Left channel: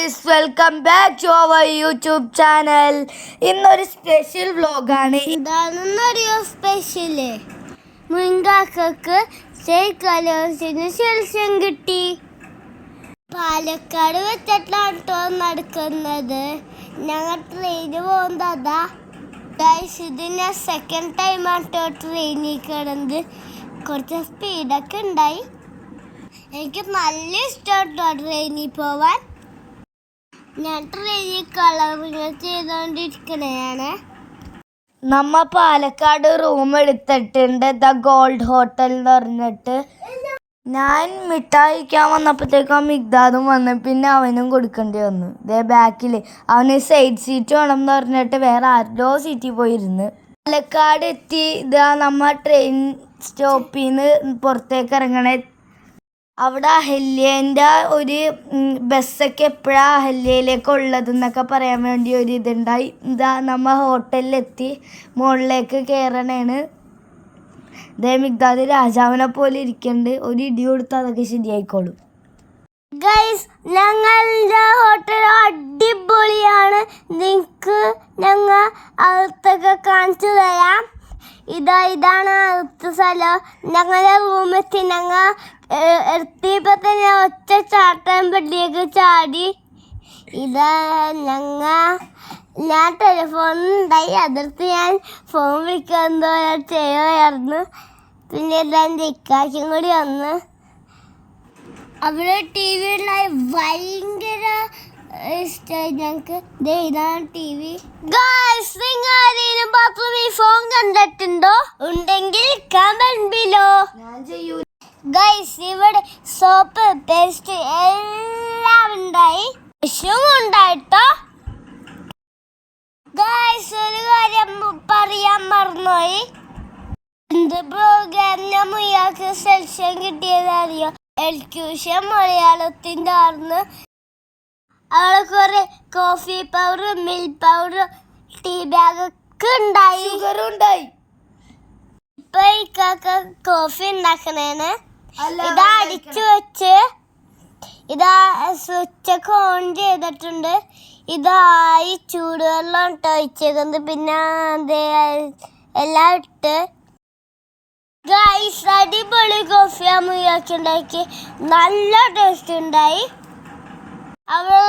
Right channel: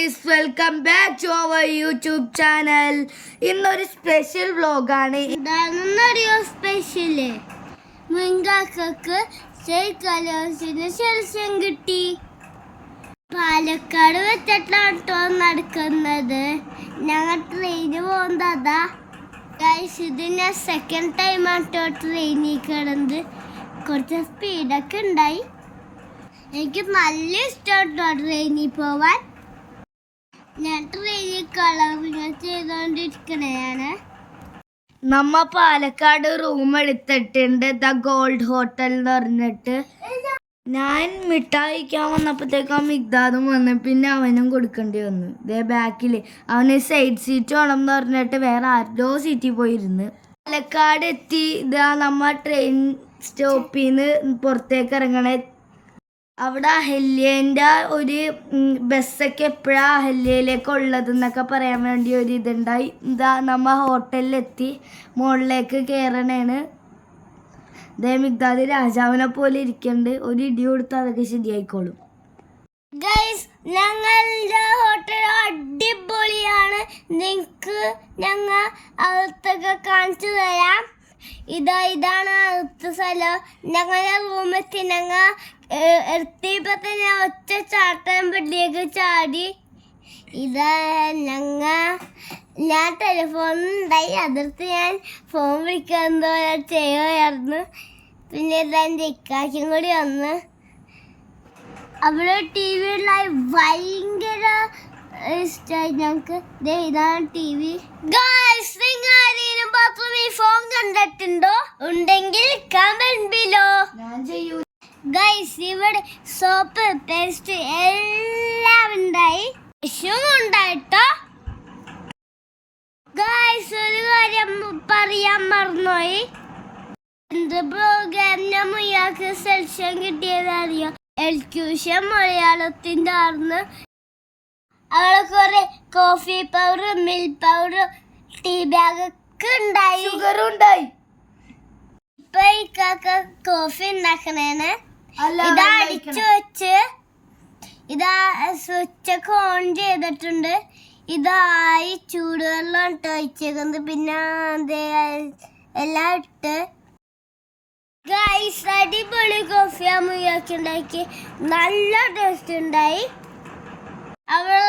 Guys welcome back to our YouTube channel ഇന്നൊരു special വ്ലോഗാണ് ഇതാണെന്നറിയോ സ്പെഷ്യൽ മുൻകാക്കക്ക് സ്റ്റേറ്റ് ശേഷം കിട്ടി. പാലക്കാട് വെച്ചിട്ടാണ് കേട്ടോ നടക്കുന്നത്. ഞങ്ങൾ ട്രെയിന് പോകുന്നതാ ഗൈസ് ഇത് ഞാൻ സെക്കൻഡ് ടൈമാണ് ട്ടോ ട്രെയിനിൽ കിടന്നത്. കുറച്ച് സ്പീഡൊക്കെ ഉണ്ടായി. എനിക്ക് നല്ല ഇഷ്ടമാട്ടോ ട്രെയിനിൽ പോവാൻ. ഞാൻ ട്രെയിനിൽ നമ്മ പാലക്കാട് റൂം എടുത്തിട്ടുണ്ട്. ദ ഗോൾഡ് ഹോട്ടൽ എന്ന് പറഞ്ഞിട്ട്. ഞാൻ മിഠായിക്കാൻ വന്നപ്പോഴത്തേക്കും മിഗ്ദാദും വന്ന് പിന്നെ അവനും കൊടുക്കേണ്ടി വന്നു. ഇതേ ബാക്കിൽ അവന് സൈഡ് സീറ്റ് വേണം എന്ന് പറഞ്ഞിട്ട് വേറെ ആരുടെയോ സീറ്റിൽ പോയിരുന്നു. പാലക്കാട് എത്തി. ഇതാ നമ്മ ട്രെയിൻ സ്റ്റോപ്പിൽ നിന്ന് പുറത്തേക്ക് ഇറങ്ങണേ അവിടെ അഹല്യേന്റെ ഒരു ബസ്സൊക്കെ എപ്പോഴാണ് അഹല്യയിലേക്ക് ഉള്ളതെന്നൊക്കെ പറയാൻ വേണ്ടി ഒരു ഇതുണ്ടായി. ഇതാ നമ്മ ഹോട്ടലിലെത്തി മുകളിലേക്ക് കയറണേണ് ദേ മിഗ്ദാദ് രാജാവിനെ പോലെ ഇരിക്കുന്നുണ്ട് ഒരു ഇടി കൊടുത്താൽ അതൊക്കെ ശരിയായിക്കോളും. ഗൈസ് ഞങ്ങളുടെ ഹോട്ടൽ അടിപൊളിയാണ്. നിങ്ങൾക്ക് ഞങ്ങൾ അകത്തൊക്കെ കാണിച്ചു തരാം. ഇതാ ഇതാണ് അടുത്ത സ്ഥലം. ഞങ്ങളുടെ റൂമെത്തി ഞങ്ങൾ എത്തിയപ്പോൾ തന്നെ ഒറ്റ ചാട്ടം പള്ളിയൊക്കെ ചാടി. ഇതാ ഞങ്ങ ഞാൻ ടെലിഫോണുണ്ടായി അതിർത്ത് ഞാൻ ഫോൺ വിളിക്കാൻ എന്തോ ചെയ്യുമായിരുന്നു പിന്നെ ഇതാ എന്റെ ഇക്കാശും കൂടി വന്ന്. അവിടെ ടി വി ഉണ്ടായി. ഭയങ്കര ഇഷ്ടമായി ഞങ്ങൾക്ക് ഇതാണ് ടി വി നിങ്ങൾ ആരെങ്കിലും ബാത്റൂമിൽ ഫോൺ കണ്ടിട്ടുണ്ടോ? ഉണ്ടെങ്കിൽ കമന്റ് ബിലോ ഗൈസ് ഇവിടെ സോപ്പ് പേസ്റ്റ് എല്ലാം ഉണ്ടായി. വിഷവും ഉണ്ടായിട്ടോ? ഗൈസ് ഒരു കാര്യം പറയാൻ മറന്നുപോയി. എന്ത് പ്രോഗ്രാം ഞാൻ മുയാൾക്ക് സെലക്ഷൻ കിട്ടിയതറിയോ എൽക്യൂഷൻ മലയാളത്തിന്റെ ആർന്ന് അവളെ കുറെ coffee powder milk powder tea bag ഒക്കെ ഉണ്ടായി. ഷുഗറും ഉണ്ടായി. ഇപ്പൊ ഈ കാക്ക കോഫി ഉണ്ടാക്കണേന്. ഇതാ അടിച്ചു വെച്ച്. ഇതാ സ്വിച്ച് ഒക്കെ ഓൺ ചെയ്തിട്ടുണ്ട്. ഇതായി ചൂടുവെള്ളം ഇട്ട് ഒഴിച്ചേക്കുന്നത്. പിന്നെ എല്ലാം ഇട്ട്. ഗൈസ് അടിപൊളി കോഫി അമ്മയാക്കി ഉണ്ടാക്കി. നല്ല ടേസ്റ്റ് ഉണ്ടായി. അവിടെ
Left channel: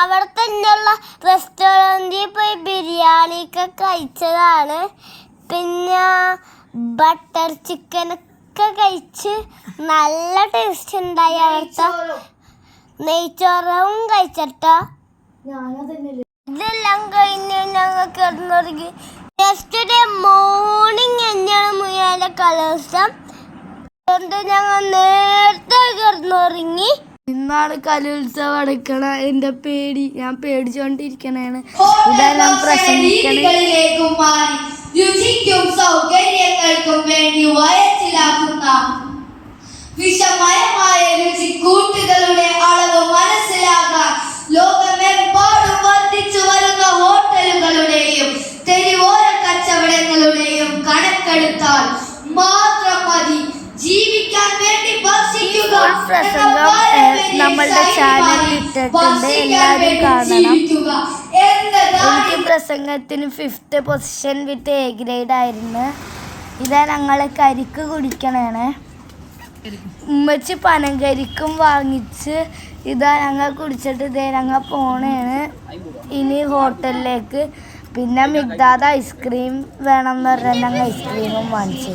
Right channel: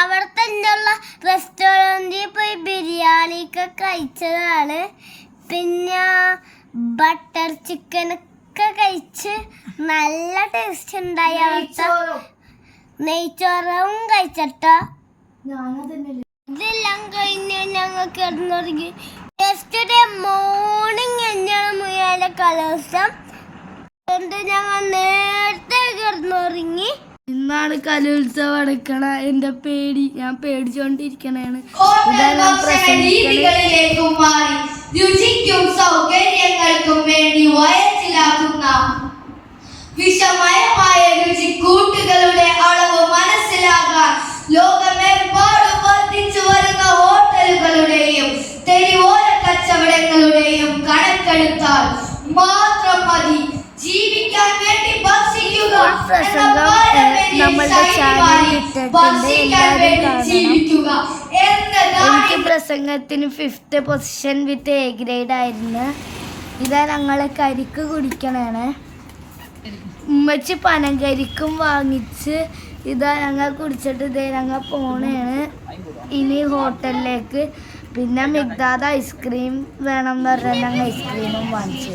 അവിടെ തന്നെയുള്ള റെസ്റ്റോറന്റിൽ പോയി ബിരിയാണിയൊക്കെ കഴിച്ചതാണ്. പിന്നെ ബട്ടർ ചിക്കനൊക്കെ കഴിച്ച് നല്ല ടേസ്റ്റ് ഉണ്ടായി അവിടുത്തെ നെയ്ച്ചോറും കഴിച്ചട്ടോ. ഇതെല്ലാം കഴിഞ്ഞ് ഞങ്ങൾ കിടന്നുറങ്ങി. ജസ്റ്റ് ഡേ മോർണിംഗ് തന്നെയാണ് മുയാലെ കലോത്സവം അതുകൊണ്ട് ഞങ്ങൾ നേരത്തെ കിടന്നുറങ്ങി. ഇന്നാണ് കലോത്സവം അടക്കണ എന്റെ പേടി. ഞാൻ പേടിച്ചോണ്ടിരിക്കണേണ്. ഇതെല്ലാം ഞാൻ പ്രസംഗിക്കണേ. രുചിക്കും സൗകര്യങ്ങൾക്കും പ്രസംഗം, നമ്മളുടെ ഇട്ടിട്ടുണ്ട്. എല്ലാവരും കാണണം. എനിക്ക് പ്രസംഗത്തിന് fifth position with A grade ആയിരുന്നു ഇതാ ഞങ്ങൾ കരിക്ക് കുടിക്കണേണ് ഉമ്മച്ചി പനങ്കരിക്കും വാങ്ങിച്ച് ഇതാ ഞങ്ങൾ കുടിച്ചിട്ട് ഇതേ ഞങ്ങൾ പോണേണ്. ഇനി ഹോട്ടലിലേക്ക്. പിന്നെ മിഗ്ദാദ് ഐസ്ക്രീം വേണം എന്ന് പറഞ്ഞാൽ ഞങ്ങൾ ഐസ്ക്രീമും വാങ്ങിച്ചു.